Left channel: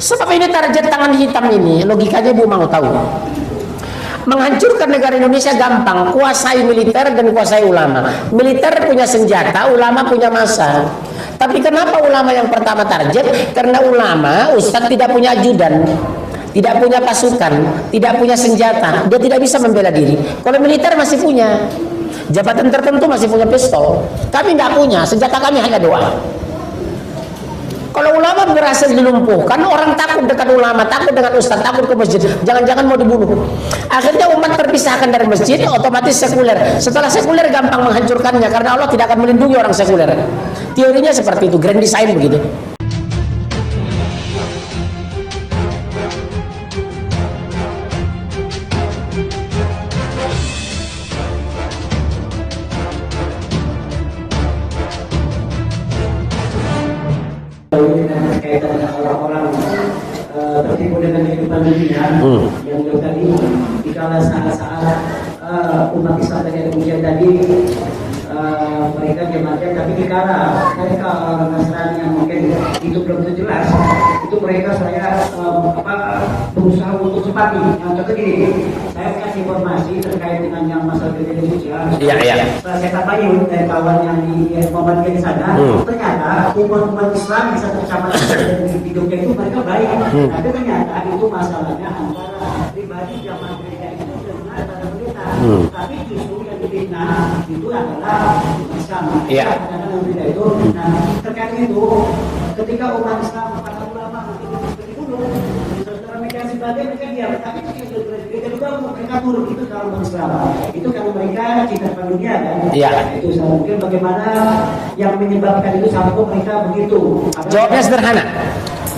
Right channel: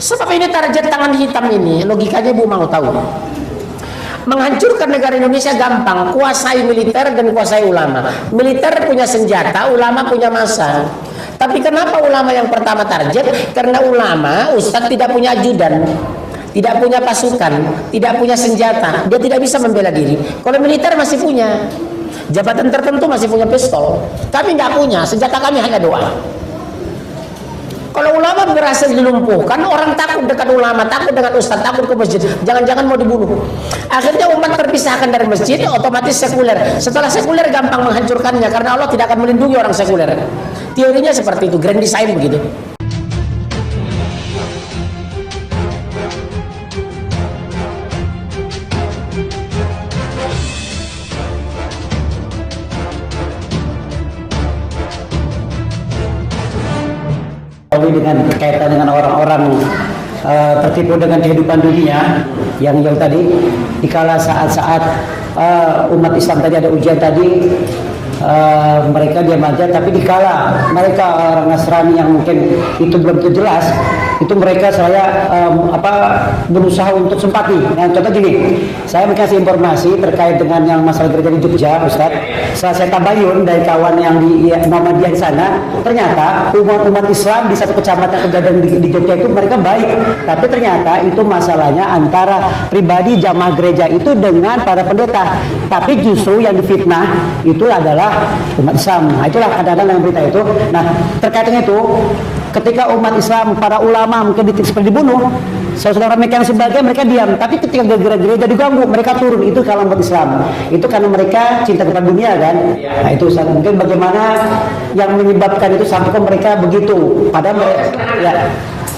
Sebab ini target tangan hitam ini, logikanya Bu mau tahu. Menghancurkan negara Indonesia gampang, kuasai militer dan kuasai ulama. Militer punya senjata, ulama punya massa. Tapi kenapa ulama yang pertama target? Karena ulama, Ustaz tidak punya ajudan, tidak punya pasukan, tidak punya senjata, dia tidak bisa membela diri. Kalau militer masih punya, jabatan tertentu masih punya pistol, kami nggak punya, senjata kami hanya doa. Kalau ulama berhasil dilumpuhkan, orang takut dekat ulama, takut dengan ustaz, takut ke masjid, jangan-jangan mau dibunuh. Akhirnya umat terpisahkan dari masjid, otomatis sekuler. Setelah sekuler gampang menghancurkannya, karena Allah tidak akan melindungi orang sekuler. Teorinya seperti itu, grand design begitu. Dengan berkaitan dengan orang-orang tertipu dengan kehidupan dunia yang tadi dikala saat-saat umat Islam tadi ada ujian tadi, mereka diam aja, tapi dikala mereka orang Nasrani yang mungkin itu belum jelas, itu mereka berusaha untuk simpati. Nah, contoh gini, saya kasih informasi terkait dengan yang masalah terjadi di Jogja, Ustaz. Setelah saya tabayun dari kawan yang di Muhammadiyah di sana, ternyata umat Islam di satu kecamatan di Jogja itu mereka baik, tapi ternyata itu masalahnya antara pribadi jamaah gereja itu dengan para pendeta. Tapi justru yang difitnah itu adalah umat Islam. Nah, itulah kadang-kadang dalam berita itu. Nah, terkait dengan itu, ketika umat Islam, para ulama mungkin seperti dibunuh, saudara mereka yang sebagian mereka diam. Tapi ketika gereja diganggu, mereka turun. Itu kalau umat Islam. Itu karena mereka cinta kepada dunia kan. Nah, itu mungkin bagaimana yang menyebabkan itu sampai mereka begitu. Padahal sederhana.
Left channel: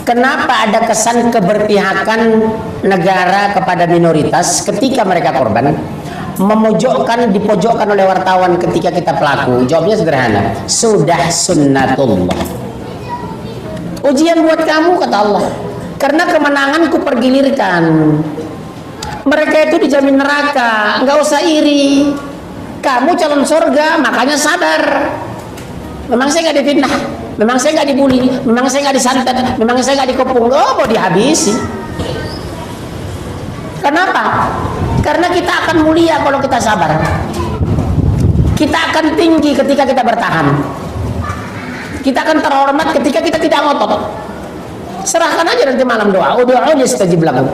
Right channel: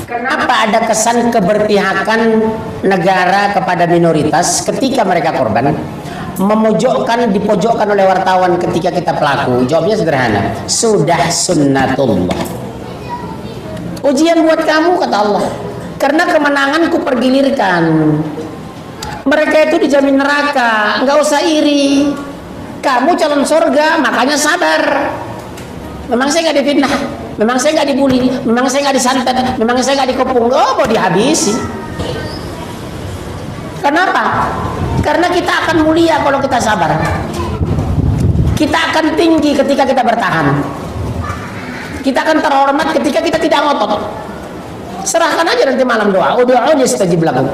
Kenapa ada kesan keberpihakan negara kepada minoritas ketika mereka korban? Dipojokkan oleh wartawan ketika kita pelaku. Jawabnya sederhana, sudah sunnatullah. Ujian buat kamu, kata Allah, karena kemenangan kupergilirkan. Mereka itu dijamin neraka, nggak usah iri. Kamu calon surga, makanya sadar. Memang saya nggak difitnah, memang saya nggak dibully, memang saya nggak disantet, memang saya nggak dikepung. Oh, mau dihabisi. Kenapa? Karena kita akan mulia kalau kita sabar. Kita akan tinggi ketika kita bertahan. Kita akan terhormat ketika kita tidak ngotot. Serahkan aja nanti malam doa. Ud'uuni astajib lakum.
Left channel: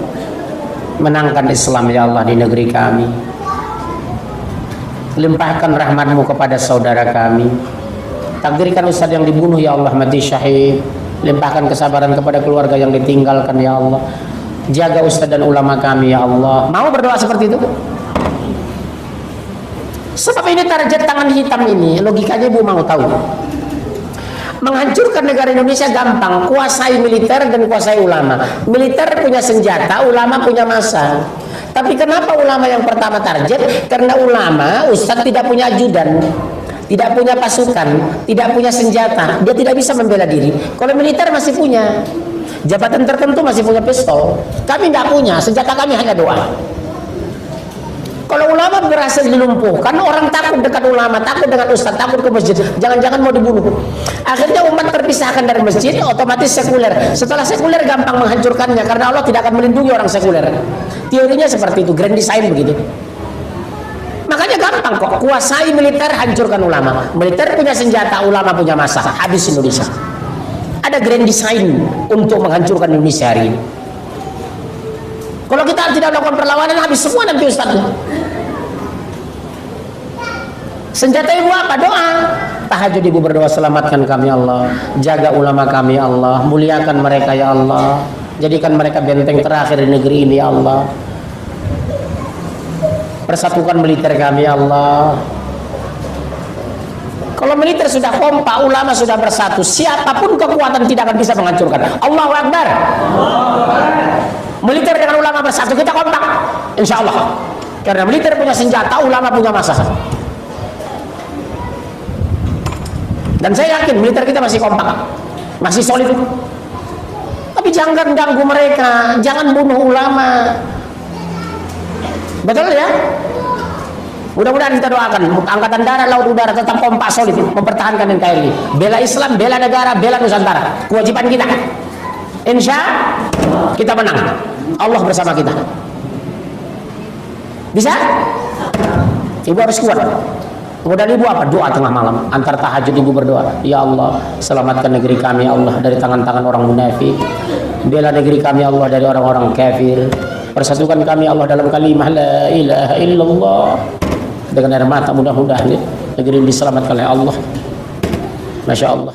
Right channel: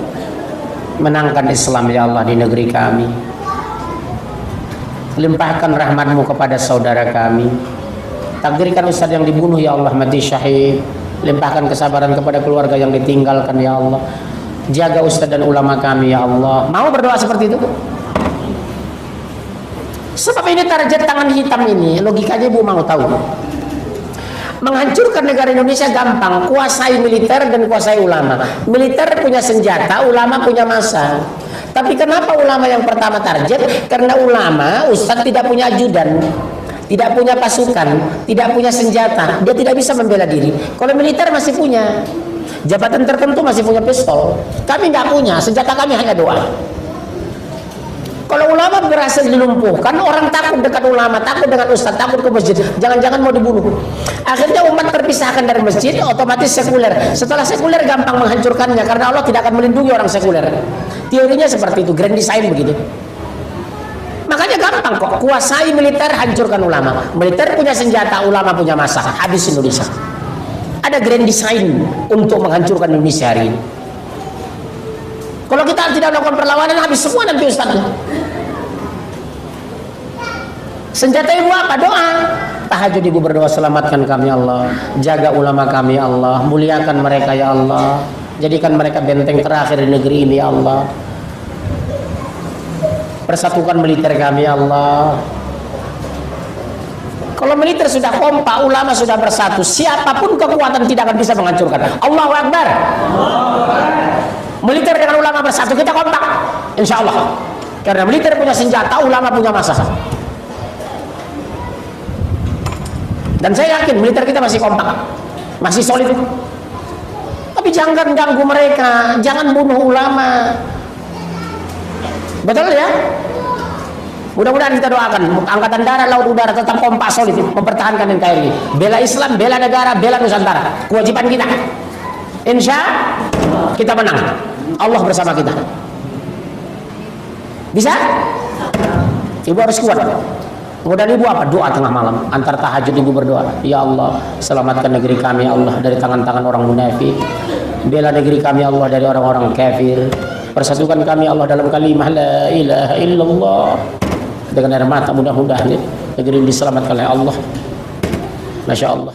Menangkan Islam ya Allah di negeri kami. Limpahkan rahmat-Mu kepada saudara kami. Takdirkan ustaz yang dibunuh ya Allah mati syahid. Limpahkan kesabaran kepada keluarga yang ditinggalkan ya Allah. Jaga ustaz dan ulama kami ya Allah. Mau berdoa seperti itu? Sebab ini target tangan hitam ini, logikanya Bu mau tahu. Menghancurkan negara Indonesia gampang, kuasai militer dan kuasai ulama. Militer punya senjata, ulama punya massa. Tapi kenapa ulama yang pertama target? Karena ulama, ustaz tidak punya ajudan, tidak punya pasukan, tidak punya senjata, dia tidak bisa membela diri. Kalau militer masih punya, jabatan tertentu masih punya pistol, kami nggak punya, senjata kami hanya doa. Kalau ulama berhasil dilumpuhkan, orang takut dekat ulama, takut dengan ustaz, takut ke masjid, jangan-jangan mau dibunuh. Akhirnya umat terpisahkan dari masjid, otomatis sekuler. Setelah sekuler gampang menghancurkannya, karena Allah tidak akan melindungi orang sekuler. Teorinya seperti itu, grand design begitu. Makanya gampang kok, kuasai militer, hancurkan ulama. Militer punya senjata, ulama punya massa. Habis Indonesia. Ada grand design untuk menghancurkan Indonesia hari ini. Kalau kita tidak melakukan perlawanan, habis semua nanti ustaznya. Senjata ibu apa? Doa. Tahajud ibu berdoa, selamatkan kami Allah, jaga ulama kami Allah, muliakan mereka ya Allah, jadikan mereka benteng terakhir di negeri ini ya Allah. Persatukan militer kami ya Allah. Kalau militer sudah kompak, ulama sudah bersatu, siapapun kekuatan tidak akan bisa menghancurkan. Allahu Akbar. Militer dengan ulama bersatu, kita kompak, insya Allah. Karena militer punya senjata, ulama punya massa. Dan saya yakin militer kita masih kompak, masih solid. Tapi jangan ganggu mereka, jangan bunuh ulama. Betul ya? Mudah-mudahan kita doakan angkatan darat, laut, udara tetap kompak solid mempertahankan NKRI. Bela Islam, bela negara, bela Nusantara. Kewajiban kita. Insya kita menang. Allah bersama kita. Bisa? Ibu harus kuat. Kemudian ibu apa? Doa tengah malam. Antar tahajud ibu berdoa. Ya Allah, selamatkan negeri kami ya Allah dari tangan-tangan orang munafik. Bela negeri kami ya Allah dari orang-orang kafir. Persatukan kami ya Allah dalam kalimah la ilaha illallah. Dengan air mata mudah-mudahan negeri ini diselamatkan oleh Allah. Masya Allah.